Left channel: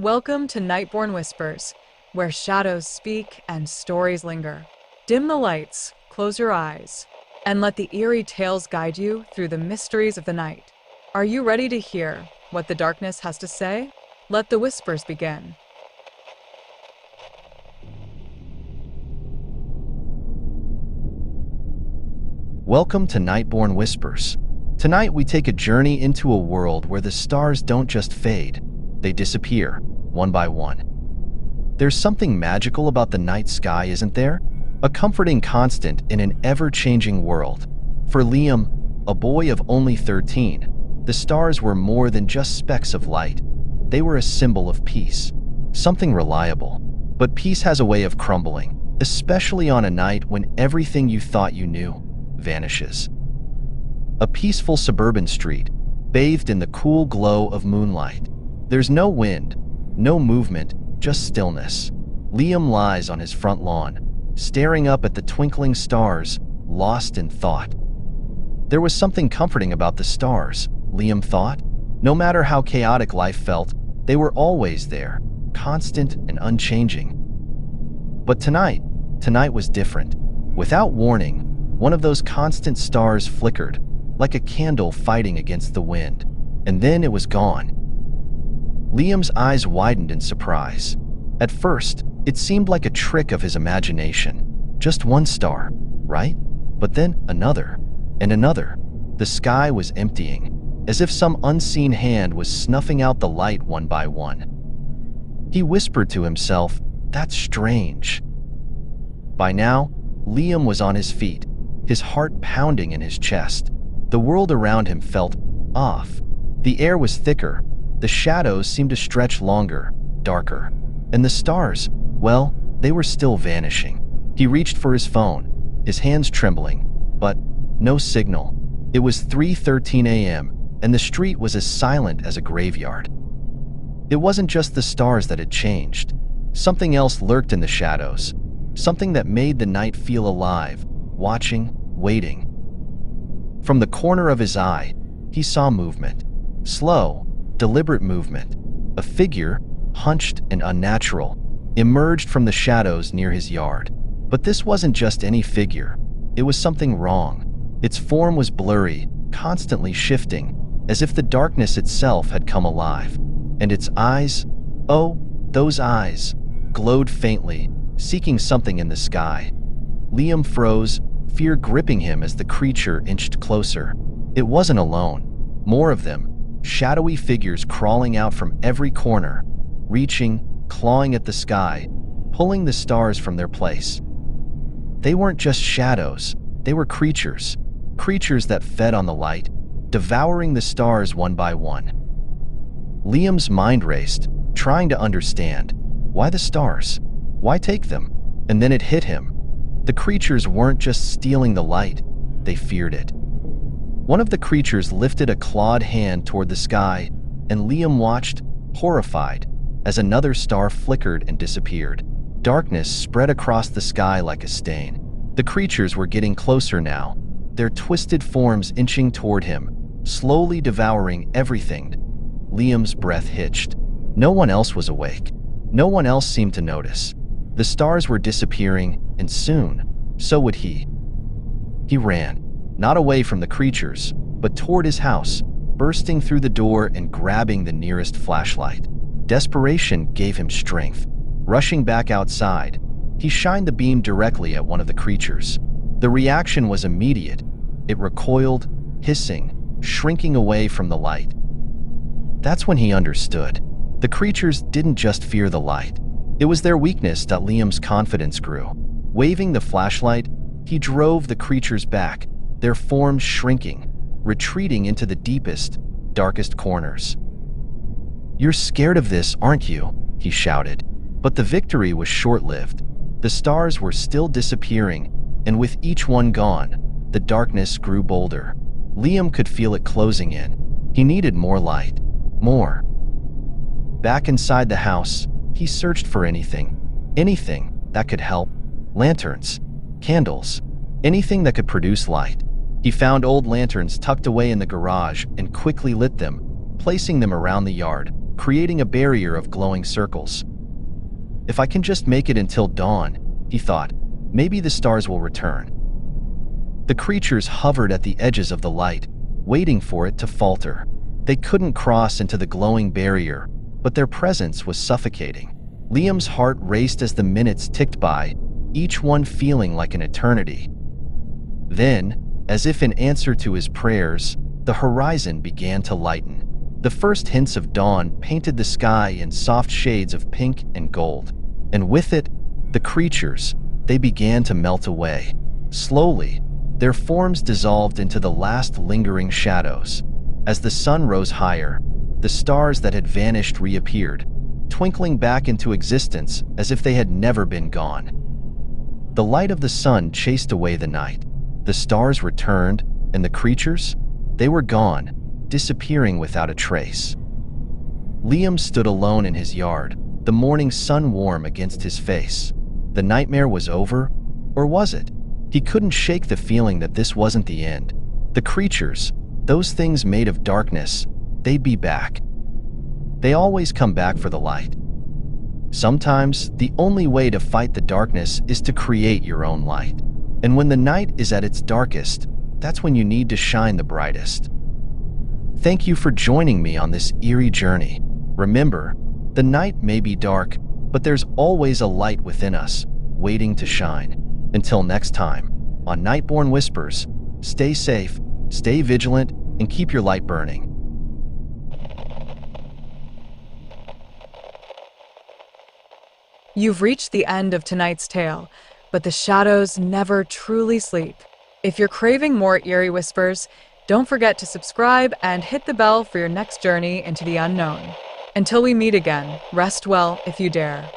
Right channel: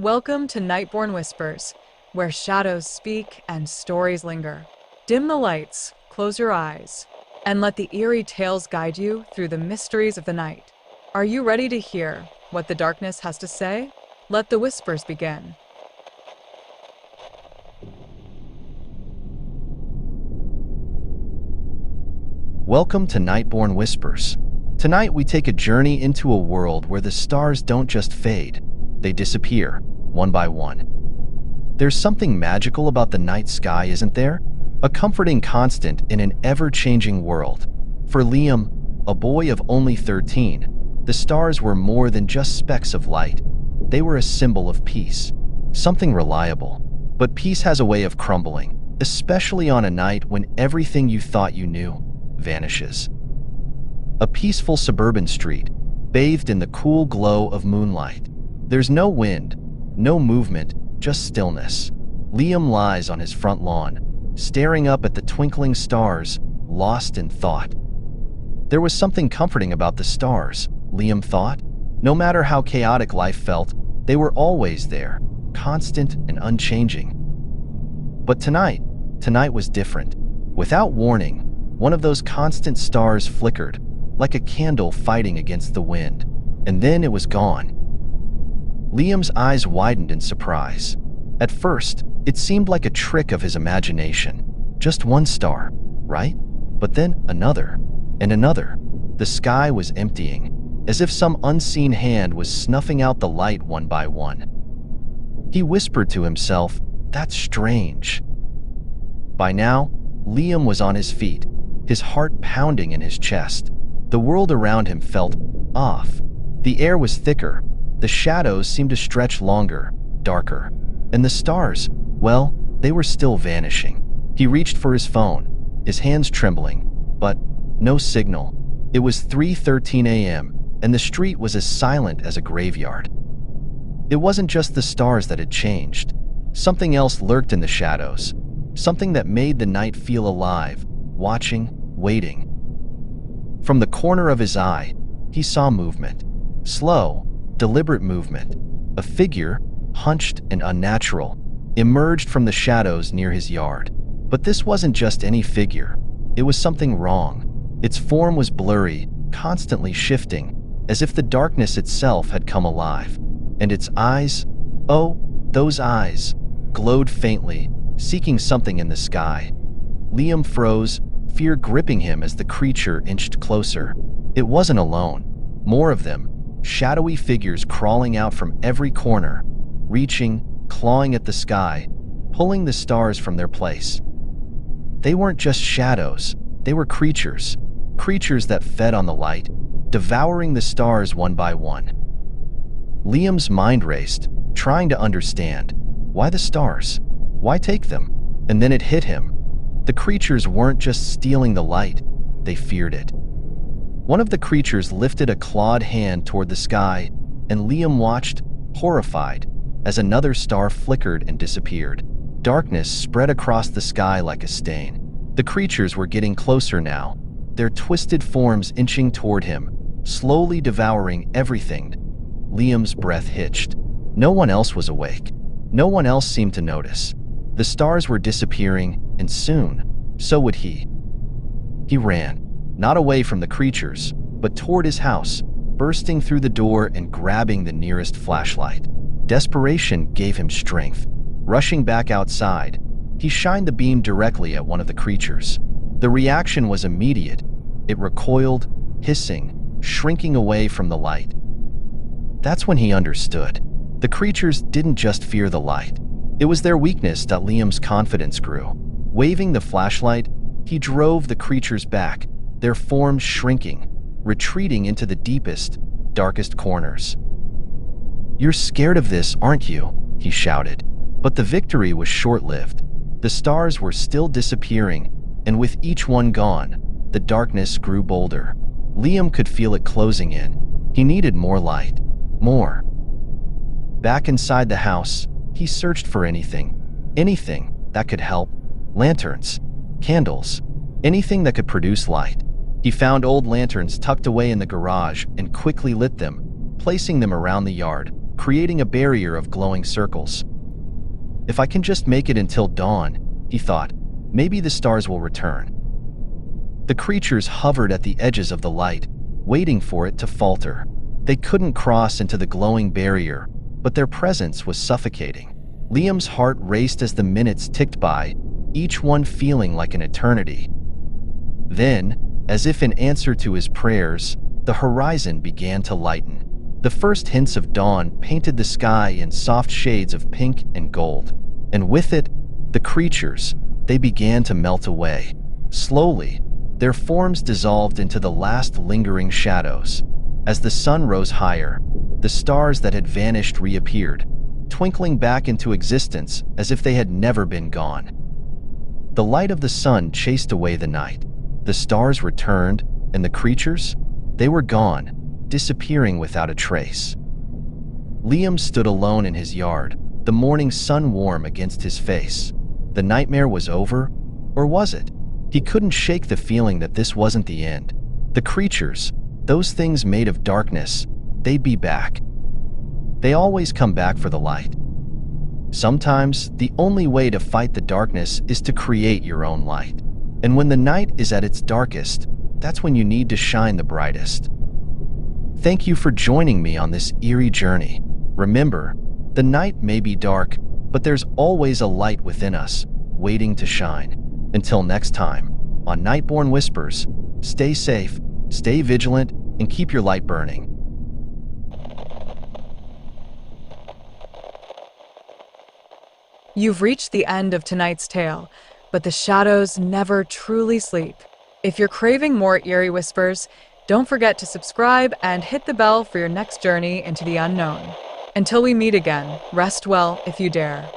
Welcome to Nightborne Whispers, where shadows speak and stories linger. Dim the lights, close your eyes, and let the eerie tales guide you through the mysteries of the night. Are you ready to hear what the darkness has to say? Let the whispers begin. Welcome to Nightborne Whispers. Tonight we take a journey into a world where the stars don't just fade, they disappear, one by one. There's something magical about the night sky, isn't there? A comforting constant in an ever-changing world. For Liam, a boy of only 13, the stars were more than just specks of light. They were a symbol of peace, something reliable. But peace has a way of crumbling, especially on a night when everything you thought you knew vanishes. A peaceful suburban street, bathed in the cool glow of moonlight. There's no wind, no movement, just stillness. Liam lies on his front lawn, staring up at the twinkling stars, lost in thought. There was something comforting about the stars, Liam thought. No matter how chaotic life felt, they were always there, constant and unchanging. But tonight was different. Without warning, one of those constant stars flickered, like a candle fighting against the wind, and then it was gone. Liam's eyes widened in surprise. At first, it seemed like a trick of his imagination. Just one star, right? But then another, and another. The sky was emptying, as if some unseen hand was snuffing out the light one by one. He whispered to himself, "That's strange." By now, Liam was on his feet, his heart pounding in his chest. The world around him felt off. The air was thicker, the shadows seemed to stretch longer, darker. And the stars, well, they were still vanishing. He reached for his phone, his hands trembling, but no signal. It was 3:13 a.m., and the street was as silent as a graveyard. It wasn't just the stars that had changed. Something else lurked in the shadows, something that made the night feel alive, watching, waiting. From the corner of his eye, he saw movement. Slow, deliberate movement. A figure, hunched and unnatural, emerged from the shadows near his yard. But this wasn't just any figure. It was something wrong. Its form was blurry, constantly shifting, as if the darkness itself had come alive. And its eyes, oh, those eyes, glowed faintly, seeking something in the sky. Liam froze, fear gripping him as the creature inched closer. It wasn't alone. More of them, shadowy figures crawling out from every corner, reaching, clawing at the sky, pulling the stars from their place. They weren't just shadows, they were creatures that fed on the light, devouring the stars one by one. Liam's mind raced, trying to understand. Why the stars? Why take them? And then it hit him. The creatures weren't just stealing the light, they feared it. One of the creatures lifted a clawed hand toward the sky, and Liam watched, horrified, as another star flickered and disappeared. Darkness spread across the sky like a stain. The creatures were getting closer now, their twisted forms inching toward him, slowly devouring everything. Liam's breath hitched. No one else was awake. No one else seemed to notice. The stars were disappearing, and soon, so would he. He ran, not away from the creatures, but toward his house, bursting through the door and grabbing the nearest flashlight. Desperation gave him strength. Rushing back outside, he shined the beam directly at one of the creatures. The reaction was immediate. It recoiled, hissing, shrinking away from the light. That's when he understood. The creatures didn't just fear the light. It was their weakness that Liam's confidence grew. Waving the flashlight, he drove the creatures back, their forms shrinking, retreating into the deepest, darkest corners. "You're scared of this, aren't you?" he shouted. But the victory was short-lived. The stars were still disappearing, and with each one gone, the darkness grew bolder. Liam could feel it closing in. He needed more light. More. Back inside the house, he searched for anything that could help. Lanterns, candles, anything that could produce light. He found old lanterns tucked away in the garage and quickly lit them, placing them around the yard. creating a barrier of glowing circles. If I can just make it until dawn, he thought, maybe the stars will return. The creatures hovered at the edges of the light, waiting for it to falter. They couldn't cross into the glowing barrier, but their presence was suffocating. Liam's heart raced as the minutes ticked by, each one feeling like an eternity. Then, as if in answer to his prayers, the horizon began to lighten. The first hints of dawn painted the sky in soft shades of pink and gold, and with it, the creatures, they began to melt away. Slowly, their forms dissolved into the last lingering shadows. As the sun rose higher, the stars that had vanished reappeared, twinkling back into existence as if they had never been gone. The light of the sun chased away the night. The stars returned, and the creatures, they were gone, disappearing without a trace. Liam stood alone in his yard, the morning sun warm against his face. The nightmare was over, or was it? He couldn't shake the feeling that this wasn't the end. The creatures, those things made of darkness, they'd be back. They always come back for the light. Sometimes, the only way to fight the darkness is to create your own light. And when the night is at its darkest, that's when you need to shine the brightest. Thank you for joining me on this eerie journey. Remember, the night may be dark, but there's always a light within us, waiting to shine. Until next time, on Nightborne Whispers, stay safe, stay vigilant, and keep your light burning. You've reached the end of tonight's tale, but the shadows never truly sleep. If you're craving more eerie whispers, don't forget to subscribe and hit the bell for your next journey into the unknown. Until we meet again, rest well if you dare.